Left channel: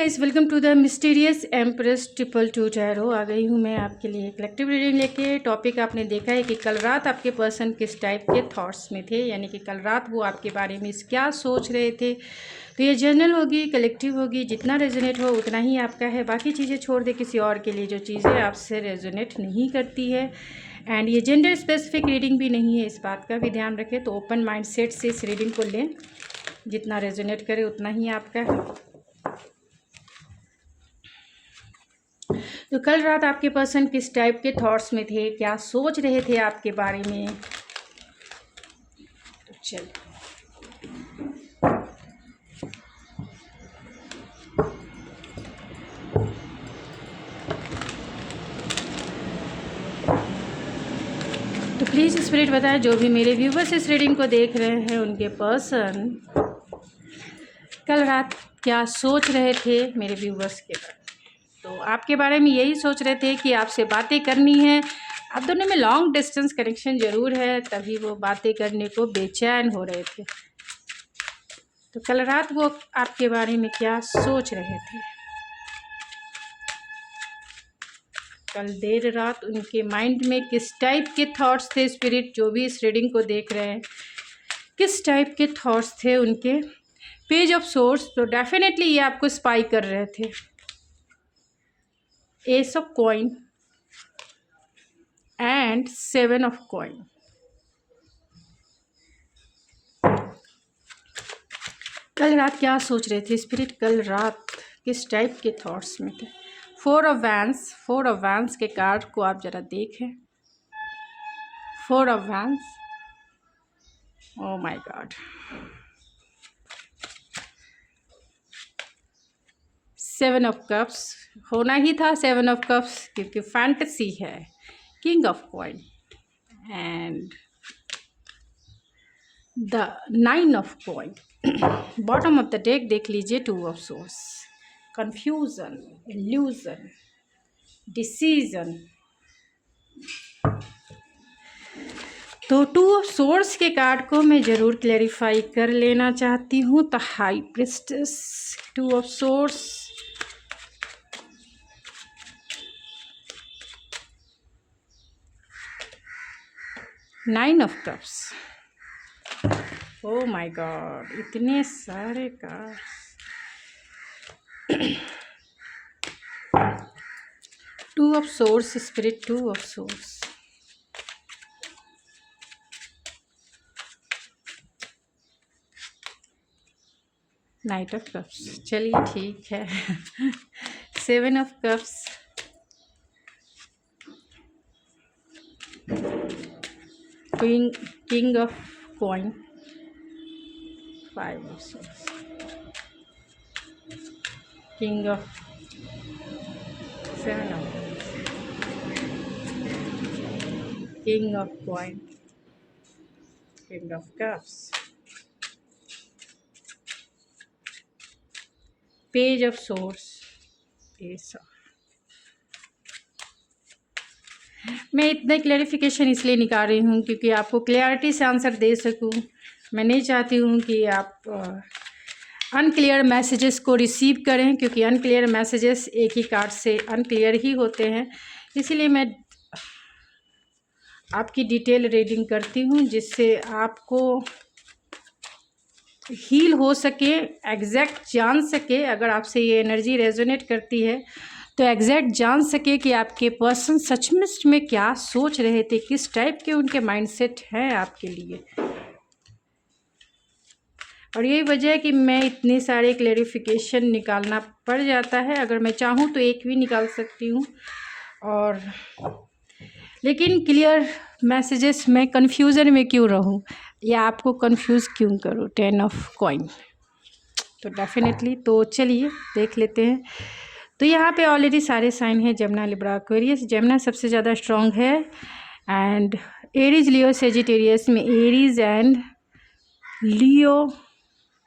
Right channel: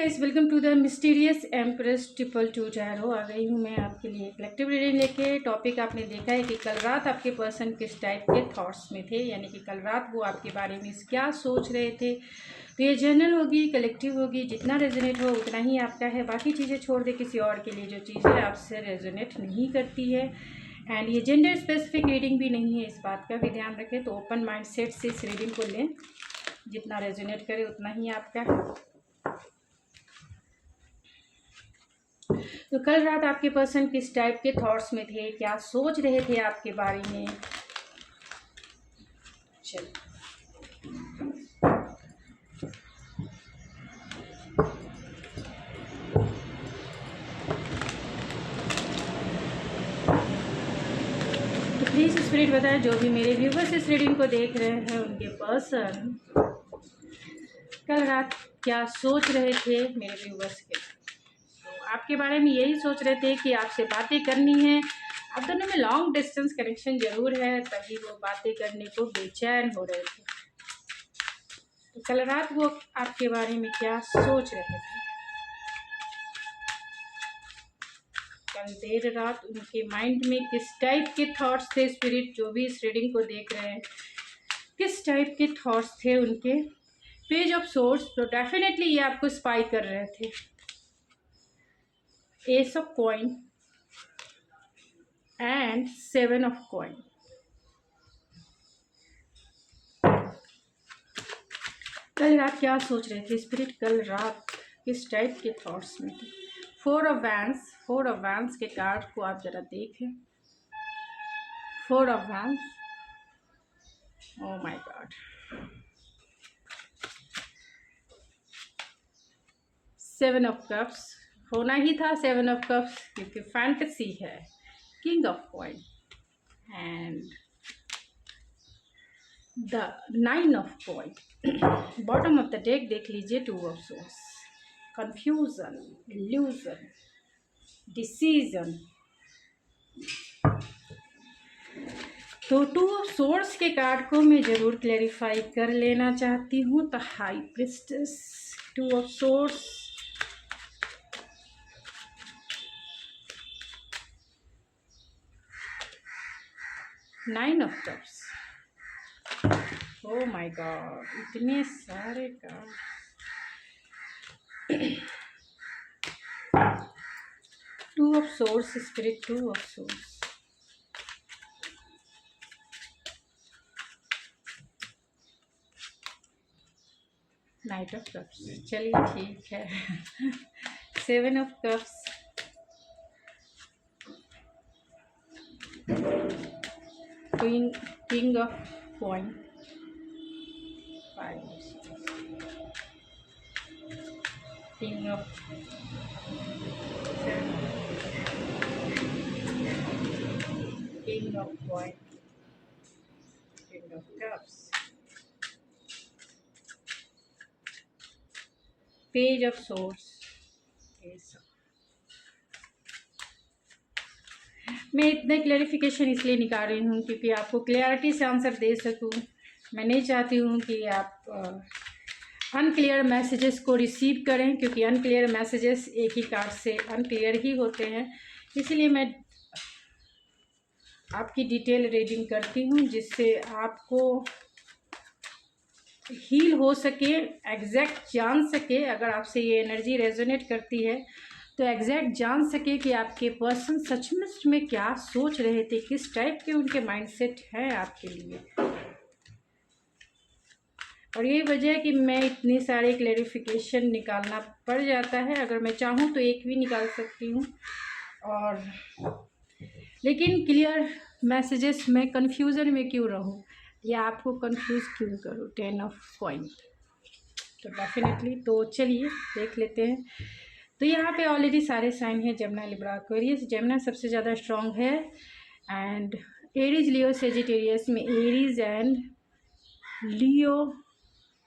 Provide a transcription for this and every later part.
Guys, welcome to the mysterious empress 222 tarot. आ गई हूँ मैं आपके लिए कलेक्टिव रीडिंग लेके। टॉपिक आपने देखा है कि कल रात आपके पर्सन किस टाइप के थॉट्स में थे, यानी कि कल रात वो आपके बारे में क्या सोच रहे थे। तो ये जनरल होगी, कलेक्टिव होगी, जितना रेजोनेट हो उतना ही आपका है। बाकी चीज़ें छोड़ दे किसी और के लिए जो चीज़ें आपसे रेजोनेट नहीं करती है। एंड ये जेंडर स्पेसिफिक रीडिंग भी नहीं है, इस बात का भी ध्यान रखें। तो ओपन माइंड सेट से इस रीडिंग को लें, जितना रेजोनेट करे उतना ही आपका है। तो कल रात आपके पर्सन किस टाइप के थॉट्स में थे, क्या सोच रहे थे आपके बारे में। तो चल तो प्लीज़ स्पिरिट बताएं, जो भी मेरे व्यूवर्स इस रीडिंग को देख रहे हैं उनके पर्सन कल रात क्या सोच रहे थे मेरे व्यूवर्स के बारे में। तो आपके बारे में यही सोच रहे थे कि आपसे बातें करनी है। आप दोनों में लॉन्ग डिस्टेंस कनेक्शन ज़रूर है, तभी वो बातें करने को बेचैन हो रहे थे। तो कल रात वो आपके बारे में क्या सोच रहे थे। कल देर रात उनके माइंड में किस टाइप के थॉट्स थे। स्पिरिट जो भी इस रीडिंग को देख रहे हैं, किस टाइप के थॉट्स थे उनके। पेज ऑफ सोर्स, तो डेफिनेटली ये आपको स्पाई कर रहे थे। S of coin and 7 of coin. कल रात क्या सोच रहे थे स्पिरिट, कल रात किस टाइप के थॉट्स में थे। 4 ऑफ वैंस के कार्ड को आप जरा देखें। 4 of vents, oh my God. 7 of cups होना ही था, 7 ऑफ कप्स, क्योंकि फैंटेसी है। King of coin and the 9 of coin. Bottom of the deck देख लीजिए, 2 of source, confusion, illusion, decision. तो 2 ऑफ सोर्स के कार्ड को मैं ज़रूर क्लैरिफाई कर लेना चाहती हूँ। The high priestess, 2 of source, nine of cups. Oh my God, इतने सारे card. 2 of source spirit, 2 of source, night of cups. चलिए ठीक है। 7 of cups, king of coin, 5 of source, king of 7 of, king of coin, king of cups, page of source, S of. मैं इतना clarification इसलिए निकाल रही हूँ क्योंकि आपको क्लियरिटी से आंसर दे सकूँ। मैं नहीं चाहती हूँ कि आप अनक्लियर मैसेजेस को रिसीव करें, क्योंकि अनक्लियर मैसेजेस एक ही कार्ड से अनक्लियर ही होते हैं। इसीलिए मैं आपकी डिटेल रीडिंग करती हूँ, जिससे आपको हील हो सके, एग्जैक्ट जान सके। अगर आपसे ये एनर्जी रेजोनेट करती है तो एग्जैक्ट जान सके कि आपके पर्सन सचमुच में क्या सोच रहे थे, किस टाइप के उनके माइंडसेट हैं आपके लिए। और यही वजह है कि मैं इतने सारे क्लैरिफिकेशन निकालना पड़ जाता है। अगर मैं चाहूँ तो एक भी निकाल सकती हूँ, और लेकिन क्लियर मैसेजेस में कन्फ्यूज़न में क्यों रहूँ या आपको कंफ्यूज क्यों करूँ। 10 ऑफ कॉइन, तो डेफिनेटली। तो चलिए देख लेते हैं। तो यहाँ पे ऑलरेडी सारे साइन हैं, जमुना, लिब्रा, एक्वेरियस। जमुना सबसे ज़्यादा स्ट्रॉन्ग है, एंड एरीज, लियो, सेजिटेरियस में एरीज एंड लियो,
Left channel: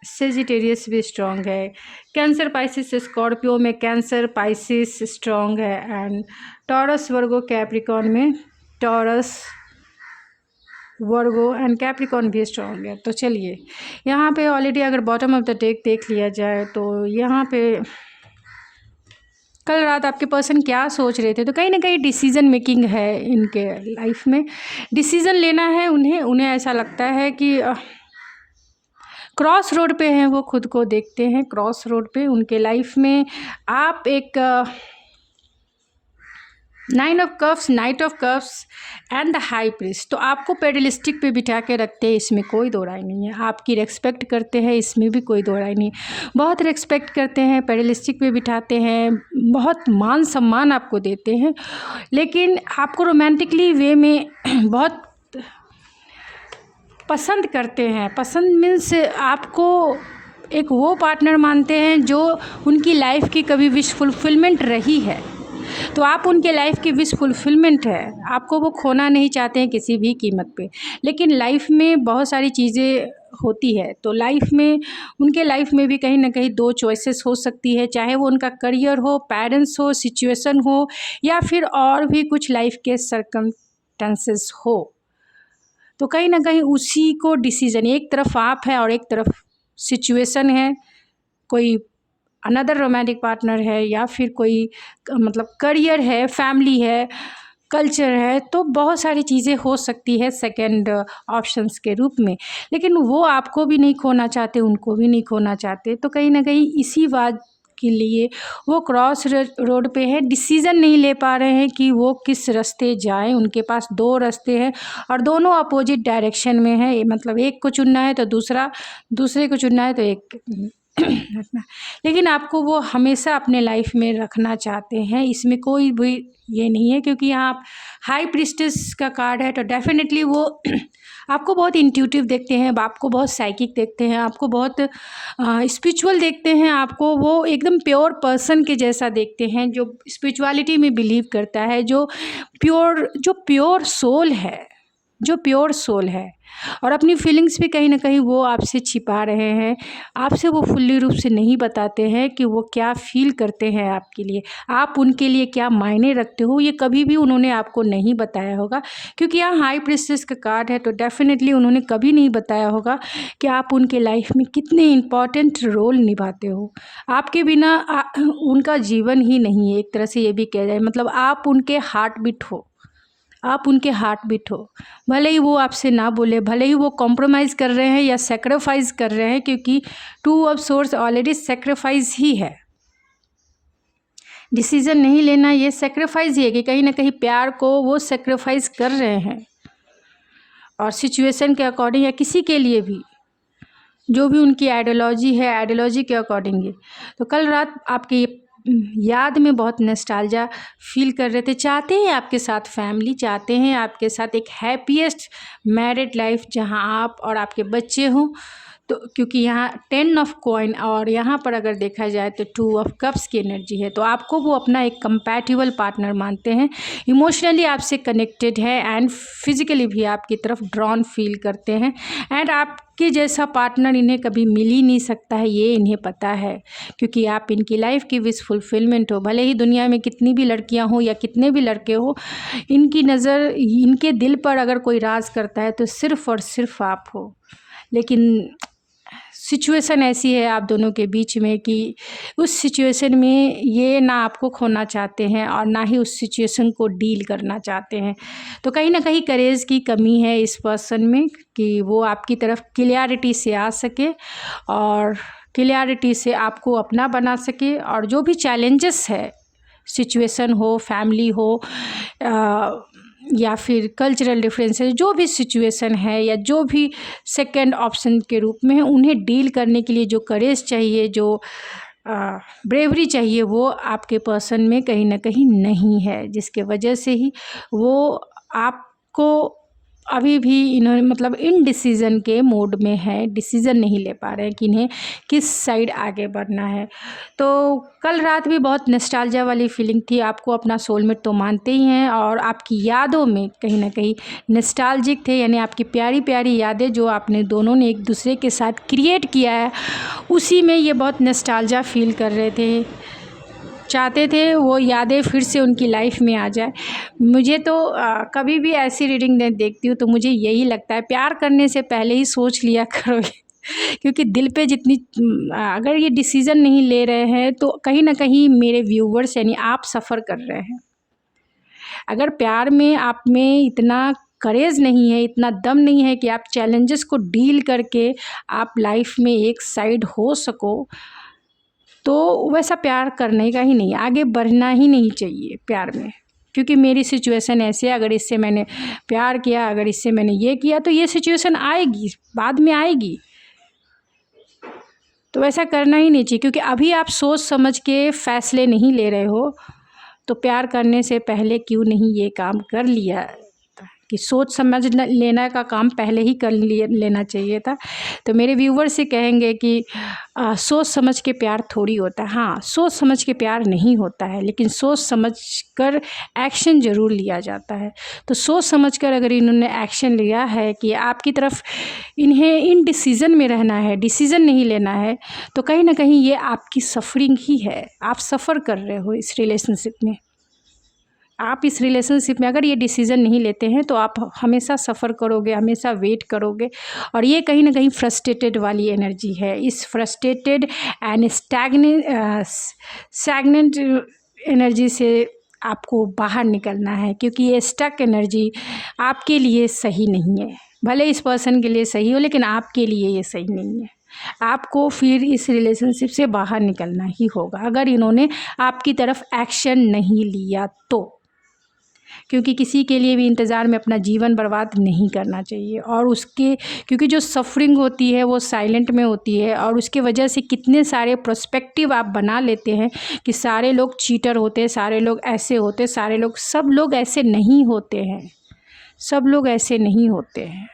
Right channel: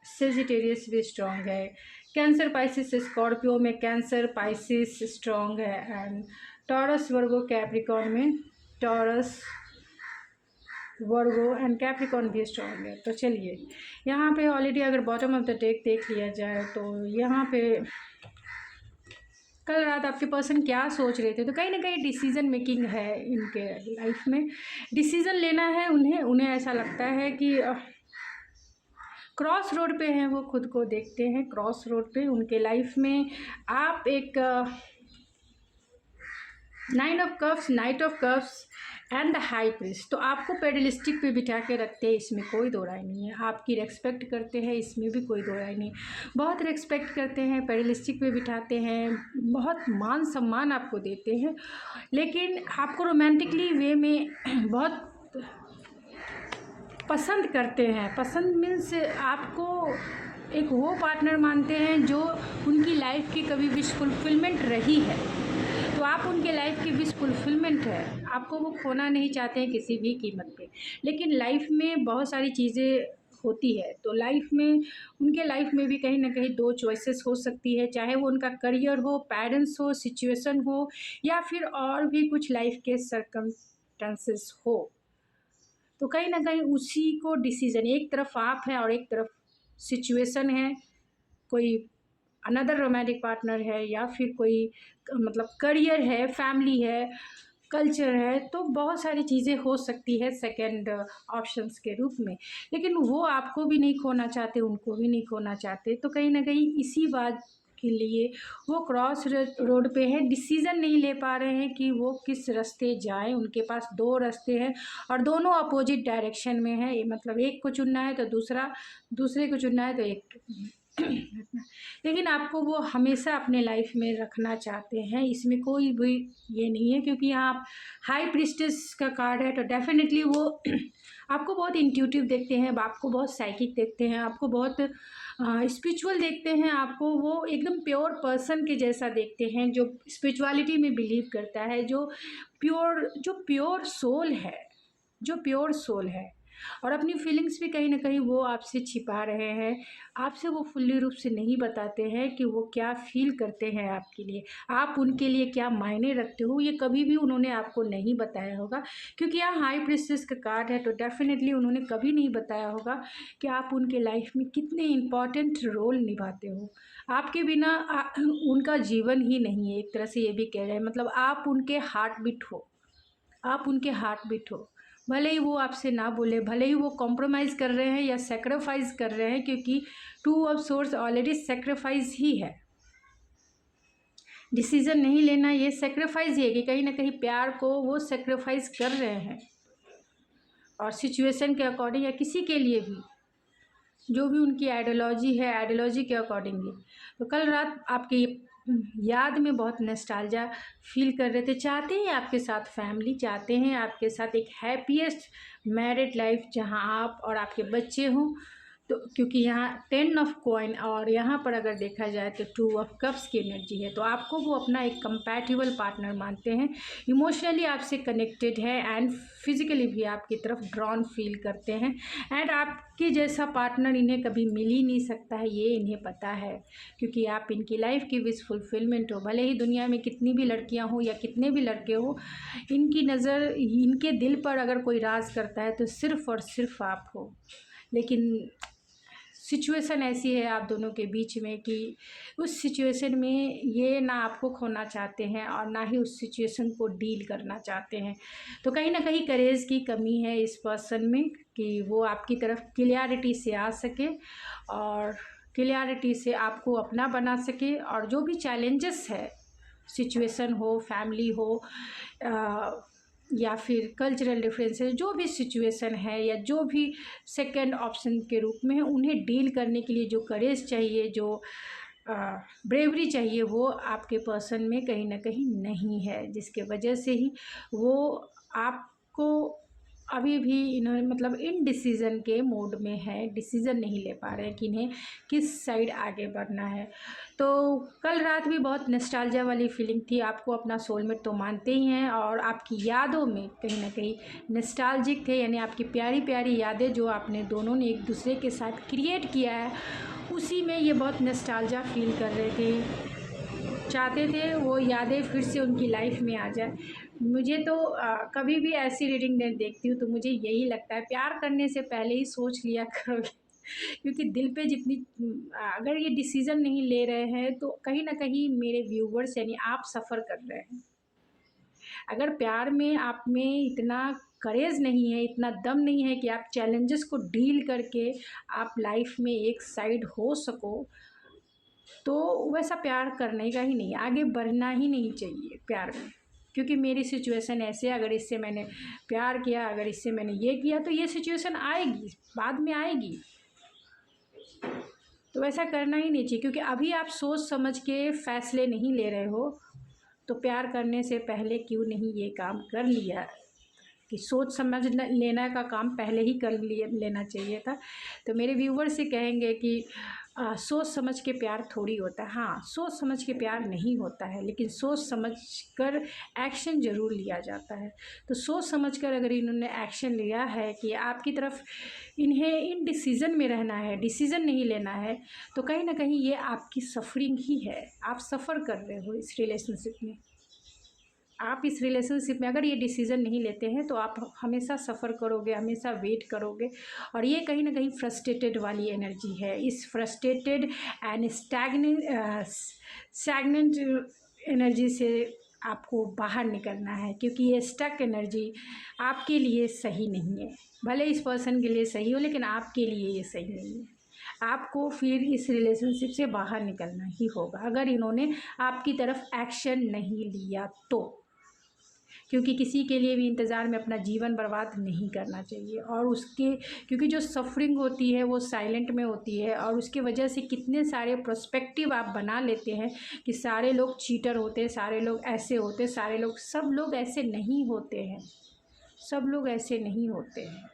सेजिटेरियस भी स्ट्रॉन्ग है। कैंसर, पाइसिस, स्कॉर्पियो में कैंसर, पाइसिस स्ट्रॉन्ग है, एंड टॉरस, वर्गो, कैप्रिकॉन में टॉरस, वर्गो एंड कैप्रिकॉन भी स्ट्रॉन्ग है। तो चलिए यहाँ पे ऑलरेडी अगर बॉटम ऑफ द डेक देख लिया जाए तो यहाँ पे कल रात आपके पर्सन क्या सोच रहे थे, तो कहीं ना कहीं डिसीज़न मेकिंग है इनके लाइफ में, डिसीज़न लेना है उन्हें। उन्हें ऐसा लगता है कि क्रॉस रोड पे हैं, वो खुद को देखते हैं क्रॉस रोड पे उनके लाइफ में। आप एक nine of cups, night of cups and the high priest, तो आपको पेडलिस्टिक पे बिठा के रखते हैं, इसमें कोई दो राय नहीं है। आपकी रेस्पेक्ट करते हैं, इसमें भी कोई दो राय नहीं है। बहुत रेस्पेक्ट करते हैं, पेडलिस्टिक पे बिठाते हैं, बहुत मान सम्मान आपको देते हैं, लेकिन आपको रोमांटिकली वे में बहुत पसंद करते हैं। पसंद मीन्स आपको एक वो पार्टनर मानते हैं जो उनकी लाइफ की कभी विश फुलफिलमेंट रही है, तो आप उनके लाइफ की विश फुलफिलमेंट है। आपको वो खोना नहीं चाहते हैं किसी भी कीमत पे। लेकिन लाइफ में बहुत सारी चीज़ें होती है, तो लाइफ में उनके लाइफ में भी कहीं ना कहीं दो चॉइसेस हो सकती है, चाहे वो उनका करियर हो, पेरेंट्स हो, सिचुएशन हो, या फिर और भी कुछ लाइफ के सर्कमस्टेंसेस हो। तो कहीं ना कहीं उसी को डिसीज़न, एक तरफ आप है और एक तरफ सिचुएशन है, कोई अनदर रोमांटिक पार्टनर है, या फिर कोई मतलब करियर है, फैमिली है, कल्चर है, तो बहुत सारी चीज़ें हो सकती है सेकंड ऑप्शंस के रूप में। लेकिन वो आपको भी नहीं खोना चाहते, उनको भी नहीं खोना चाहते, तो कहीं ना कहीं इसी बात के लिए वो क्रॉस रोड पे है, डिसीज़न नहीं ले पा रहे हैं कि वो किस रास्ते जाएं। उनके पास दो रास्ते हैं और दोनों अपोजिट डायरेक्शन में है, मतलब एक को चुनना है तो दूसरे को चुनना है तो एक रखना। लेकिन आपको वो हमेशा अपने लाइफ में रखना चाहते हैं, इसमें कोई भी ये नहीं है, क्योंकि यहाँ आप हाई प्रीस्टेस का कार्ड है, तो डेफिनेटली वो आपको बहुत इंट्यूटिव देखते हैं, आपको बहुत साइकिक देखते हैं, आपको बहुत स्पिरिचुअल देखते हैं, आपको वो एकदम प्योर पर्सन के जैसा देखते हैं, जो स्पिरिचुअलिटी में बिलीव करता है, जो प्योर सोल है। और अपनी फीलिंग्स भी कहीं ना कहीं वो आपसे छिपा रहे हैं, आपसे वो फुल्ली रूप से नहीं बताते हैं कि वो क्या फील करते हैं आपके लिए, आप उनके लिए क्या मायने रखते हो, ये कभी भी उन्होंने आपको नहीं बताया होगा। क्योंकि यहाँ हाई प्रीस्टेस का कार्ड है, तो डेफिनेटली उन्होंने कभी नहीं बताया होगा कि आप उनके लाइफ में कितने इम्पॉर्टेंट रोल निभाते हो। आपके बिना उनका जीवन ही नहीं है, एक तरह से ये भी कह जाए, मतलब आप उनके हार्ट बीट हो, भले ही वो आपसे ना बोले, भले ही वो कॉम्प्रोमाइज़ कर रहे हैं या सेक्रीफाइस कर रहे हैं, क्योंकि two of swords already sacrifice ही है। डिसीज़न नहीं लेना ये सेक्रीफाइस ही है, कि कहीं ना कहीं प्यार को वो सेक्रीफाइस कर रहे हैं, और सिचुएशन के अकॉर्डिंग या किसी के लिए भी जो भी उनकी आइडियोलॉजी है, आइडियोलॉजी के अकॉर्डिंग ही। तो कल रात आपकी याद में बहुत नॉस्टैल्जिया फील कर रहे थे, चाहते हैं आपके साथ फैमिली, चाहते हैं आपके साथ एक हैप्पीएस्ट मैरिड लाइफ जहां आप और आपके बच्चे हों। तो क्योंकि यहाँ 10 ऑफ कॉइन और यहाँ पर अगर देखा जाए तो 2 ऑफ कप्स की एनर्जी है, तो आपको वो अपना एक कंपैटिबल पार्टनर मानते हैं, इमोशनली आपसे कनेक्टेड है, एंड फिजिकली भी आपकी तरफ ड्रॉन फील करते हैं। एंड आपके जैसा पार्टनर इन्हें कभी मिल ही नहीं सकता है, ये इन्हें पता है, क्योंकि आप इनकी लाइफ की विश फुलफिलमेंट हो। भले ही दुनिया में कितनी भी लड़कियां हो या कितने भी लड़के हो, इनकी नज़र, इनके दिल पर अगर कोई राज करता है तो सिर्फ़ और सिर्फ आप हो। लेकिन सिचुएशन ऐसी है आप दोनों के बीच में कि उस सिचुएशन में ये ना आपको खोना चाहते हैं और ना ही उस सिचुएशन को डील करना चाहते हैं। तो कहीं ना कहीं करेज की कमी है इस पर्सन में, कि वो आपकी तरफ क्लियरिटी से आ सके और क्लियरिटी से आपको अपना बना सके, और जो भी चैलेंजेस है, सिचुएशन हो, फैमिली हो, या फिर कल्चरल डिफरेंसेस, जो भी सिचुएशन है या जो भी सेकंड ऑप्शन के रूप में है, उन्हें डील करने के लिए जो करेज चाहिए, जो ब्रेवरी चाहिए, वो आपके पर्सन में कहीं ना कहीं नहीं है, जिसके वजह से ही वो आपको अभी भी इन्होंने मतलब इन डिसीज़न के मोड में है, डिसीज़न नहीं ले पा रहे हैं कि इन्हें किस साइड आगे बढ़ना है। तो कल रात भी बहुत नॉस्टैल्जिया वाली फीलिंग थी, आपको अपना सोलमेट तो मानते ही हैं, और आपकी यादों में कहीं ना कहीं नॉस्टैल्जिक थे, यानी आपकी प्यारी प्यारी यादें जो आपने दोनों ने एक दूसरे के साथ क्रिएट किया है, उसी में ये बहुत नॉस्टैल्जिया फील कर रहे थे, चाहते थे वो यादें फिर से उनकी लाइफ में आ जाए। मुझे तो कभी भी ऐसी रीडिंग देखती हूँ तो मुझे यही लगता है, प्यार करने से पहले ही सोच लिया करो क्योंकि दिल पे जितनी अगर ये डिसीज़न नहीं ले रहे हैं तो कहीं ना कहीं मेरे व्यूवर्स यानी आप सफ़र कर रहे हैं। अगर प्यार में आप में इतना करेज नहीं है, इतना दम नहीं है कि आप चैलेंजेस को डील करके आप लाइफ में एक साइड हो सको, तो वैसा प्यार करने का ही नहीं, आगे बढ़ना ही नहीं चाहिए प्यार में। क्योंकि मेरी सिचुएशन ऐसे है, अगर इससे मैंने प्यार किया, अगर इससे मैंने ये किया, तो ये सिचुएशन आएगी, बाद में आएगी। तो वैसा करना ही नहीं चाहिए, क्योंकि अभी आप सोच समझ के फ़ैसले नहीं ले रहे हो, तो प्यार करने से पहले क्यों नहीं ये काम कर लिया कि सोच समझ लेना का काम पहले ही कर लेना चाहिए था। तो मेरे व्यूवर से कहेंगे कि सोच समझ के प्यार थोड़ी होता है। हाँ, सोच समझ के प्यार नहीं होता है, लेकिन सोच समझ कर एक्शन ज़रूर लिया जाता है। तो सोच समझ कर अगर इन्होंने एक्शन लिया है कि आपकी तरफ इन्हें इन डिसीज़न में रहना है, डिसीज़न नहीं लेना है, तो कहीं ना कहीं ये आपकी सफरिंग ही है। आप सफ़र कर रहे हो इस रिलेशनशिप में। आप इस रिलेशनशिप में अगर ये डिसीज़न नहीं लेते हैं तो आप हमेशा सफ़र करोगे, हमेशा वेट करोगे, और ये कहीं ना कहीं फ्रस्ट्रेटेड वाली एनर्जी है। इस फ्रस्ट्रेटेड एंड स्टैग्नेंट एनर्जी से आपको बाहर निकलना है, क्योंकि ये स्टक एनर्जी आपके लिए सही नहीं है। भले इस पर्सन के लिए सही हो, लेकिन आपके लिए ये सही नहीं है। आपको फिर इस रिलेशनशिप से बाहर निकलना ही होगा, अगर इन्होंने आपकी तरफ एक्शन नहीं लिया तो। क्योंकि किसी के लिए भी इंतज़ार में अपना जीवन बर्बाद नहीं करना चाहिए, और उसके क्योंकि जो सफरिंग होती है वो साइलेंट में होती है, और उसके वजह से कितने सारे पर्सपेक्टिव आप बना लेते हैं कि सारे लोग चीटर होते हैं, सारे लोग ऐसे होते, सारे लोग, सब लोग ऐसे नहीं होते हैं, सब लोग ऐसे नहीं होते हैं।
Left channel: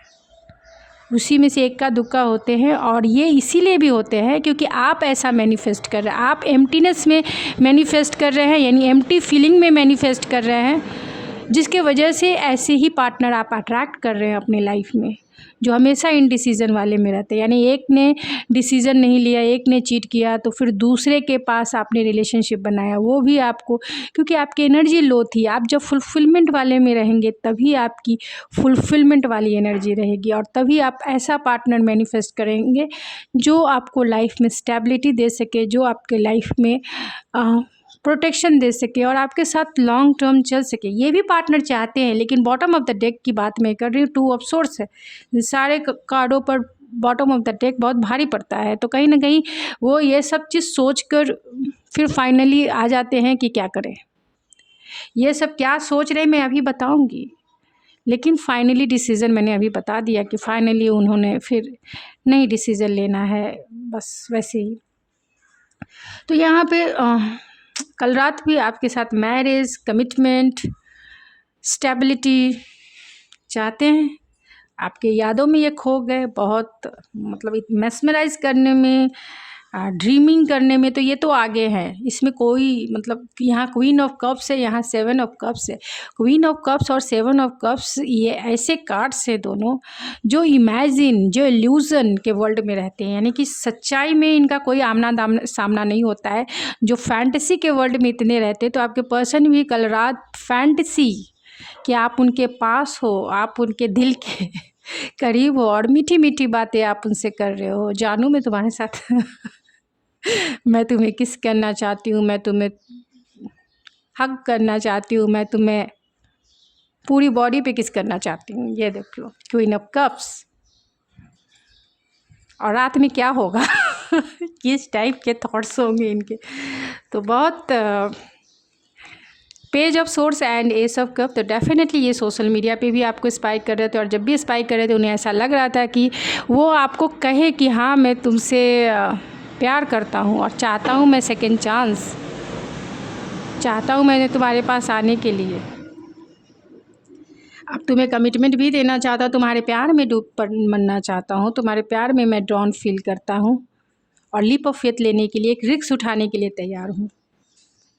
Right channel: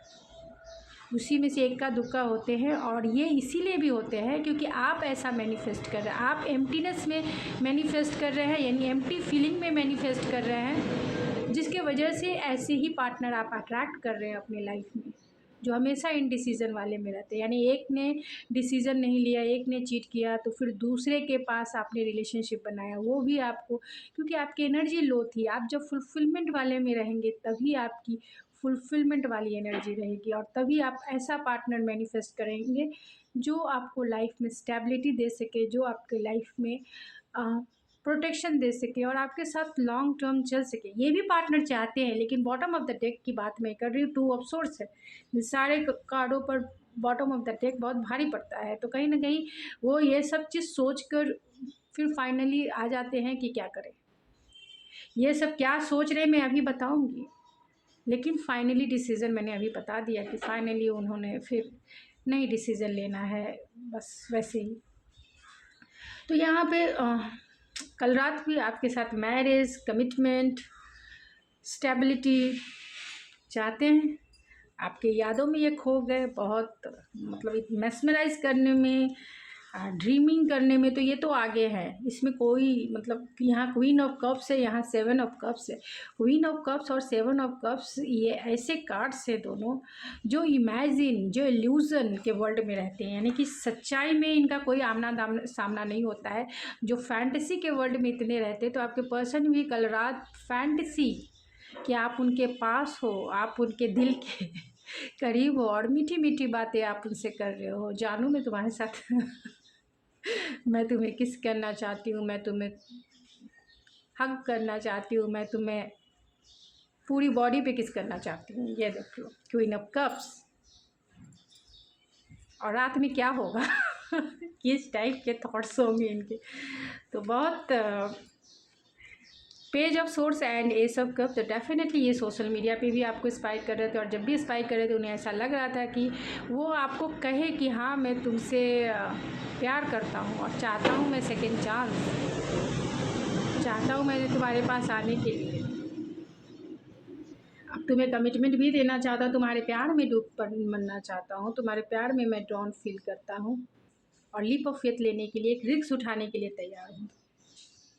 उसी में से एक का दुक्का होते हैं, और ये इसीलिए भी होते हैं क्योंकि आप ऐसा मैनिफेस्ट कर रहे हैं, आप एम्प्टीनेस में मैनिफेस्ट कर रहे हैं, यानी एम्प्टी फीलिंग में मैनिफेस्ट कर रहे हैं, जिसके वजह से ऐसे ही पार्टनर आप अट्रैक्ट कर रहे हैं अपनी लाइफ में, जो हमेशा इन डिसीज़न वाले में रहते हैं। यानी एक ने डिसीज़न नहीं लिया, एक ने चीट किया, तो फिर दूसरे के पास आपने रिलेशनशिप बनाया, वो भी आपको, क्योंकि आपकी एनर्जी लो थी। आप जब फुलफिलमेंट वाले में रहेंगे तभी आपकी फुलफिलमेंट वाली एनर्जी रहेगी, और तभी आप ऐसा पार्टनर मैनिफेस्ट करेंगे जो आपको लाइफ में स्टेबिलिटी दे सके, जो आपके लाइफ में प्रोटेक्शन दे सके, और आपके साथ लॉन्ग टर्म चल सके। ये भी पार्टनर चाहते हैं, लेकिन बॉटम ऑफ द डेक की बात मैं कर रही हूँ, 2 ऑफ सोर्स है, सारे कार्डों पर बॉटम ऑफ द डेक बहुत भारी पड़ता है। तो कहीं ना कहीं वो ये सब चीज़ सोच कर फिर फाइनली आ जाते हैं कि क्या करें। ये सब क्या सोच रहे मैं अभी बताऊंगी, लेकिन फाइनली डिसीज़न मैंने अभी बता दिया कि फाइनली उन्होंने फिर नहीं डिसीज़न लेना है, बस वैसे ही। तो यहाँ पे कल रात भी आपके साथ मैरिज, कमिटमेंट, स्टेबिलिटी चाहते हैं, आपके यादों में ये खो गए, बहुत मतलब मेस्मराइज करने में, ड्रीमिंग करने में, तो ये तो आगे हैं। इसमें कोई मतलब यहाँ क्वीन ऑफ कप्स है, यहाँ 7 ऑफ कप्स है। क्वीन ऑफ कप्स और 7 ऑफ कप्स ये ऐसे कार्ड्स हैं दोनों जो इमेजिन, जो इल्यूज़न के वर्ल्ड में रहते हैं, यानी कि सच्चाई में इनका कोई आमना सामना नहीं होता है। जो फैंटेसी के वर्ल्ड में इतने रहते हैं, तो आपके पर्सन भी कल रात फैंटेसी कि आप उनके पास हो, आप उनके दिल के करीब हो, और मीठी मीठी बातें आप उनसे कर रहे हो। जानू मैं तुम्हारे साथ मैं तुम्हें किस करना चाहती हूँ, मैं तुम्हें हग करना चाहती हूँ, मैं तुम्हें पूरी बॉडी पे किस करना चाहती हूँ। ये देखो क्वीन ऑफ कप्स। और रात में क्या होगा किस टाइप के थॉट्स होंगे इनके, तो बहुत page of source and S of cup. तो डेफिनेटली ये सोशल मीडिया पे भी आपको स्पाइक कर रहे थे, और जब भी स्पाइक कर रहे थे उन्हें ऐसा लग रहा था कि वो आपको कहे कि हाँ मैं तुमसे प्यार करता हूँ, और चाहता हूँ मैं सेकंड चांस, चाहता हूँ मैंने तुम्हारे पास आने के लिए। अब तुम्हें कमिटमेंट भी देना चाहता हूँ, तुम्हारे प्यार में डूब मरना चाहता हूँ, तुम्हारे प्यार में मैं ड्रॉन फील करता हूँ, और लीप ऑफ फेथ लेने के लिए, एक रिस्क उठाने के लिए तैयार हूँ,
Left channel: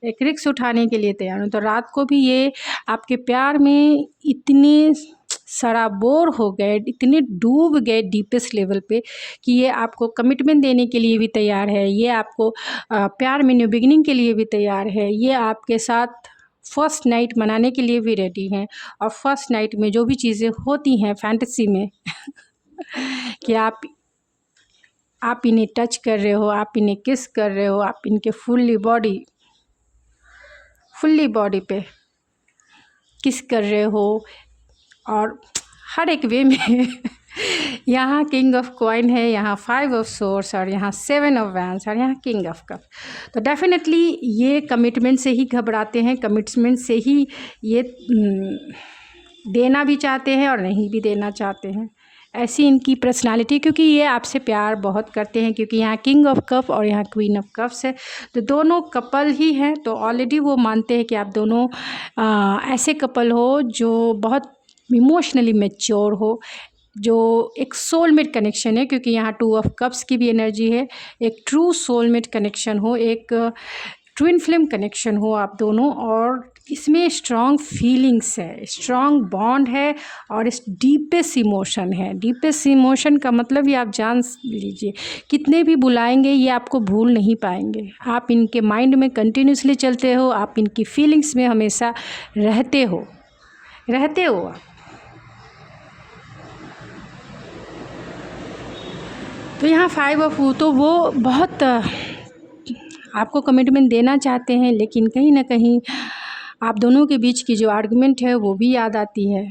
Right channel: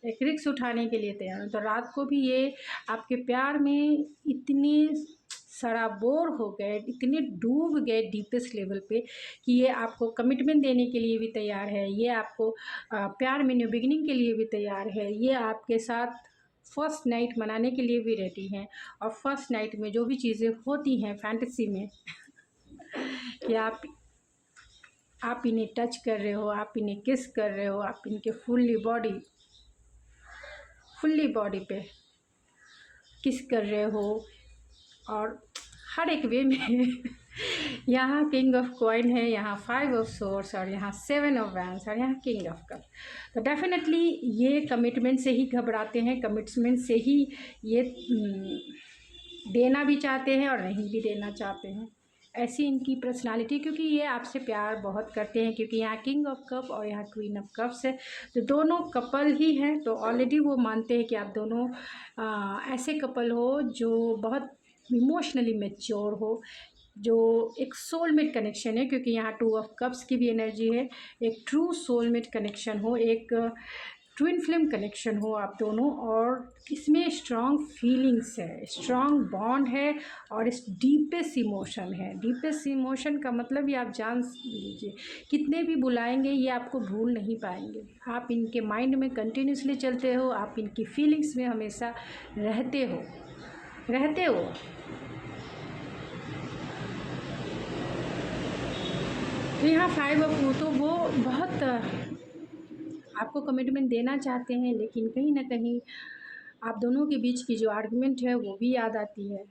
एक रिस्क उठाने के लिए तैयार हूँ। तो रात को भी ये आपके प्यार में इतने सराबोर हो गए, इतने डूब गए डीपेस्ट लेवल पे कि ये आपको कमिटमेंट देने के लिए भी तैयार है, ये आपको प्यार में न्यू बिगिनिंग के लिए भी तैयार है, ये आपके साथ फर्स्ट नाइट मनाने के लिए भी रेडी हैं। और फर्स्ट नाइट में जो भी चीज़ें होती हैं फैंटेसी में कि आप आप इन्हें टच कर रहे हो, आप इन्हें किस कर रहे हो, आप इनके फुल्ली बॉडी पे किस कर रहे हो, और हर एक वे में यहाँ किंग ऑफ कॉइन है, यहाँ 5 ऑफ सोर्स, और यहाँ 7 ऑफ वैंड्स, और यहाँ किंग ऑफ कप। तो डेफिनेटली ये कमिटमेंट से ही घबराते हैं, कमिटमेंट से ही ये देना भी चाहते हैं और नहीं भी देना चाहते हैं। ऐसी इनकी पर्सनालिटी, क्योंकि ये आपसे प्यार बहुत करते हैं, क्योंकि यहाँ किंग ऑफ कप और यहाँ क्वीन ऑफ कप्स है, तो दोनों कपल ही हैं। तो ऑलरेडी वो मानते हैं कि आप दोनों ऐसे कपल हो जो बहुत इमोशनली मैच्योर हो, जो एक सोलमेट कनेक्शन है, क्योंकि यहाँ 2 ऑफ कप्स की भी एनर्जी है, एक ट्रू सोलमेट कनेक्शन हो, एक ट्विन फ्लेम कनेक्शन हो आप दोनों, और इसमें स्ट्रॉन्ग फीलिंग्स है, स्ट्रॉन्ग बॉन्ड है, और इस डीपेस्ट इमोशन है। डीपेस्ट इमोशन का मतलब ये आप जान लीजिए, कितने भी बुलाएंगे ये आपको भूल नहीं पाएंगे, आप इनके माइंड में कंटिन्यूसली चलते हो, आप इनकी फीलिंग्स में हमेशा रहते हो। तो यहाँ 5 ऑफ, तो वो बहुत आपको कमिटमेंट देना चाहते हैं, लेकिन कहीं ना कहीं आप दोनों के बीच की जो आर्गुमेंट है वो भी याद आती है,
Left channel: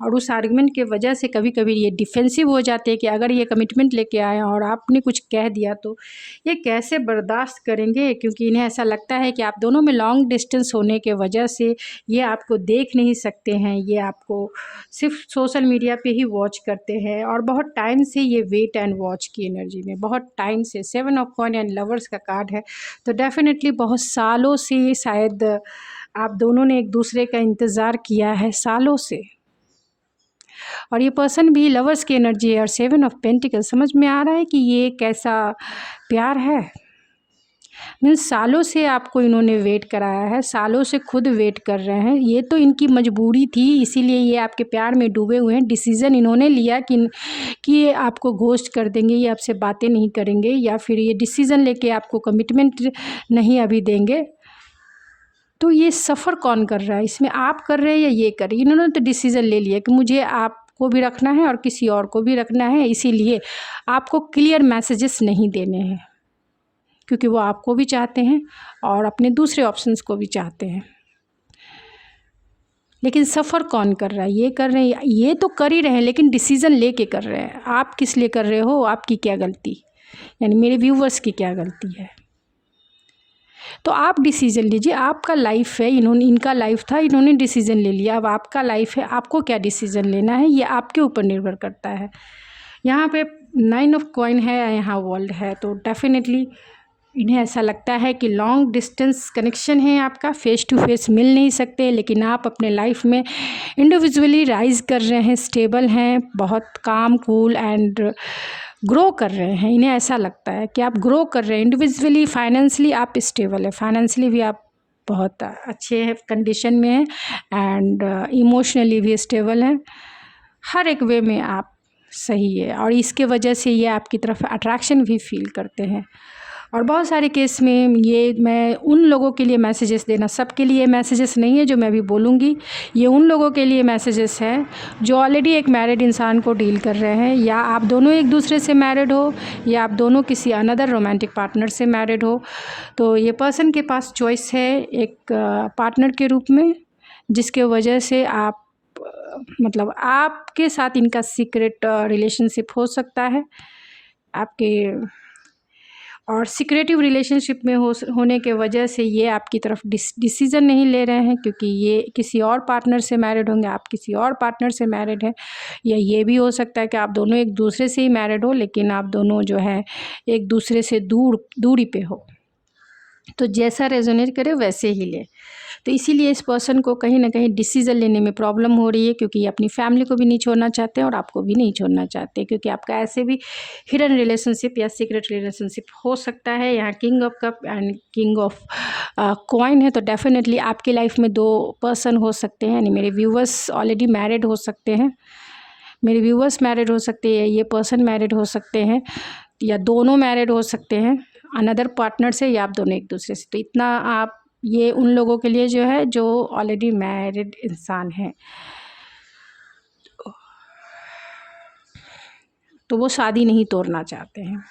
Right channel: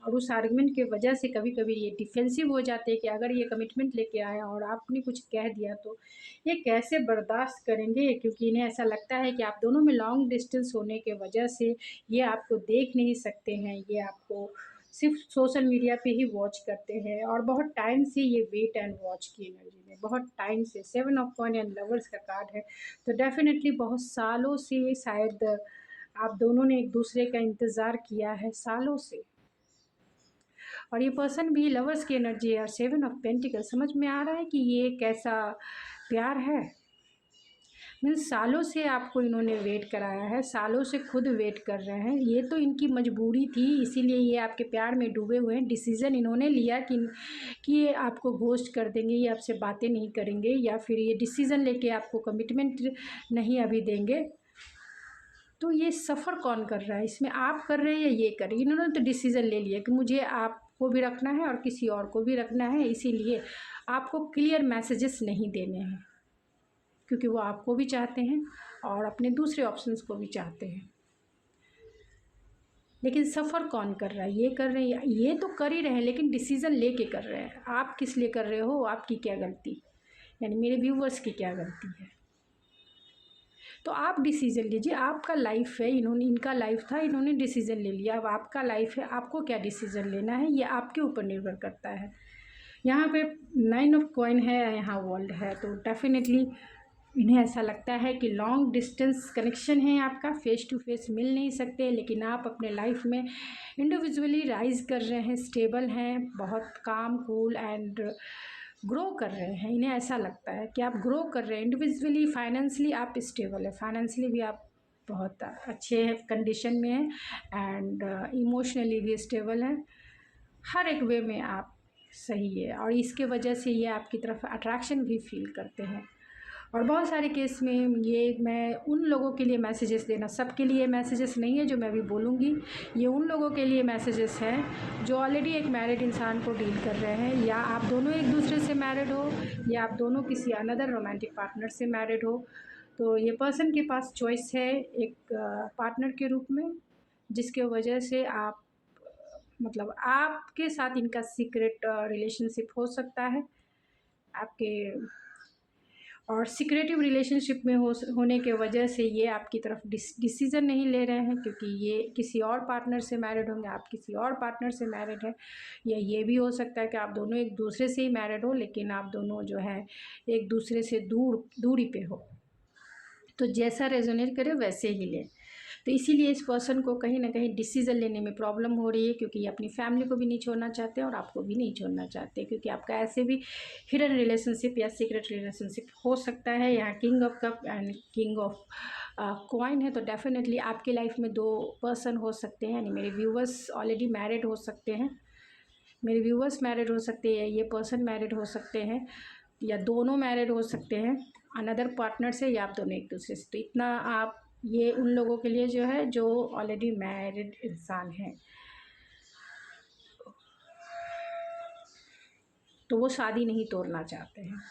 और उस आर्गुमेंट के वजह से कभी कभी ये डिफेंसिव हो जाते हैं कि अगर ये कमिटमेंट लेके आए और आपने कुछ कह दिया तो ये कैसे बर्दाश्त करेंगे, क्योंकि इन्हें ऐसा लगता है कि आप दोनों में लॉन्ग डिस्टेंस होने के वजह से ये आपको देख नहीं सकते हैं, ये आपको सिर्फ सोशल मीडिया पे ही वॉच करते हैं, और बहुत टाइम से ये वेट एंड वॉच की एनर्जी में, बहुत टाइम से 7 ऑफ कॉइन एंड लवर्स का कार्ड है, तो डेफिनेटली बहुत सालों से शायद आप दोनों ने एक दूसरे का इंतज़ार किया है, सालों से। और ये पर्सन भी लवर्स की एनर्जी है, और 7 ऑफ पेंटिकल, समझ में आ रहा है कि ये कैसा प्यार है। मीन्स सालों से आपको इन्होंने वेट कराया है, सालों से खुद वेट कर रहे हैं, ये तो इनकी मजबूरी थी, इसीलिए ये आपके प्यार में डूबे हुए हैं। डिसीज़न इन्होंने लिया कि ये आपको घोस्ट कर देंगे, ये आपसे बातें नहीं करेंगे, या फिर ये डिसीज़न लेके आपको कमिटमेंट नहीं अभी देंगे। तो ये सफ़र कौन कर रहा है इसमें, आप कर रहे हैं या ये कर रही है? इन्होंने तो डिसीज़न ले लिया कि मुझे आपको भी रखना है और किसी और को भी रखना है, इसीलिए आपको क्लियर मैसेजेस नहीं देने हैं, क्योंकि वो आपको भी चाहते हैं और अपने दूसरे ऑप्शंस को भी चाहते हैं। लेकिन सफ़र कौन कर रहा है? ये कर रहे हैं, ये तो कर ही रहे हैं, लेकिन डिसीज़न लेके कर रहे हैं। आप किस लिए कर रहे हो, आपकी क्या गलती, यानी मेरे व्यूवर्स की क्या गलती है? तो आप डिसीज़न लीजिए, आपका लाइफ है, इनका लाइफ था, इन्होंने डिसीज़न ले लिया, अब आपका लाइफ है, आपको क्या डिसीज़न लेना है ये आपके ऊपर निर्भर करता है। यहाँ पे 9 ऑफ कॉइन है, यहाँ वर्ल्ड है, तो डेफिनेटली इन्हें ऐसा लगता है कि लॉन्ग डिस्टेंस कनेक्शन है आपका, फेस टू फेस मिल नहीं सकते, लेकिन आप अपने लाइफ में इंडिविजुअली राइज कर रहे हैं, स्टेबल हैं, बहुत काम कूल एंड ग्रो कर रहे हैं। इन्हें ऐसा लगता है कि आप ग्रो कर रहे हैं इंडिविजुअली, फाइनेंशियली आप स्टेबल है, फाइनेंशियली भी आप बहुत अच्छे कंडीशन में हैं, एंड इमोशनली भी स्टेबल हैं, हर एक वे में आप सही है, और इसके वजह से ये आपकी तरफ अट्रैक्शन भी फील करते हैं। और बहुत सारे केस में ये मैं उन लोगों के लिए मैसेजेस देना, सबके लिए मैसेजेस नहीं है जो मैं भी बोलूँगी, ये उन लोगों के लिए मैसेजेस हैं जो ऑलरेडी एक मैरिड इंसान को डील कर रहे हैं, या आप दोनों एक दूसरे से मैरिड हो, या आप दोनों किसी अनदर रोमांटिक पार्टनर से मैरिड हो। तो ये पर्सन के पास चॉइस है एक पार्टनर के रूप में, जिसके वजह से आप मतलब आपके साथ इनका सीक्रेट रिलेशनशिप हो सकता है आपके, और सिक्रेटिव रिलेशनशिप में होने के वजह से ये आपकी तरफ डिसीज़न नहीं ले रहे हैं, क्योंकि ये किसी और पार्टनर से मैरिड होंगे, आप किसी और पार्टनर से मैरिड हैं, या ये भी हो सकता है कि आप दोनों एक दूसरे से ही मैरिड हो, लेकिन आप दोनों जो है एक दूसरे से दूरी पे हो। तो जैसा रेजोनेट करे वैसे ही ले। तो इसीलिए इस पर्सन को कहीं ना कहीं डिसीज़न लेने में प्रॉब्लम हो रही है, क्योंकि ये अपनी फैमिली को भी नहीं छोड़ना चाहते और आपको भी नहीं छोड़ना चाहते, क्योंकि आपका ऐसे भी हिडन रिलेशनशिप या सीक्रेट रिलेशनशिप हो सकता है। यहाँ king of cup and king of coin है, तो डेफिनेटली आपकी लाइफ में 2 पर्सन हो सकते हैं, यानी मेरे व्यूवर्स ऑलरेडी मैरिड हो सकते हैं, मेरे व्यूवर्स मैरिड हो सकते हैं, ये पर्सन मैरिड हो सकते हैं, या दोनों मैरिड हो सकते हैं अनदर पार्टनर से, या आप दोनों एक दूसरे से। तो इतना आप, ये उन लोगों के लिए जो है जो ऑलरेडी मैरिड इंसान हैं, तो वो शादी नहीं तोड़ना चाहते हैं।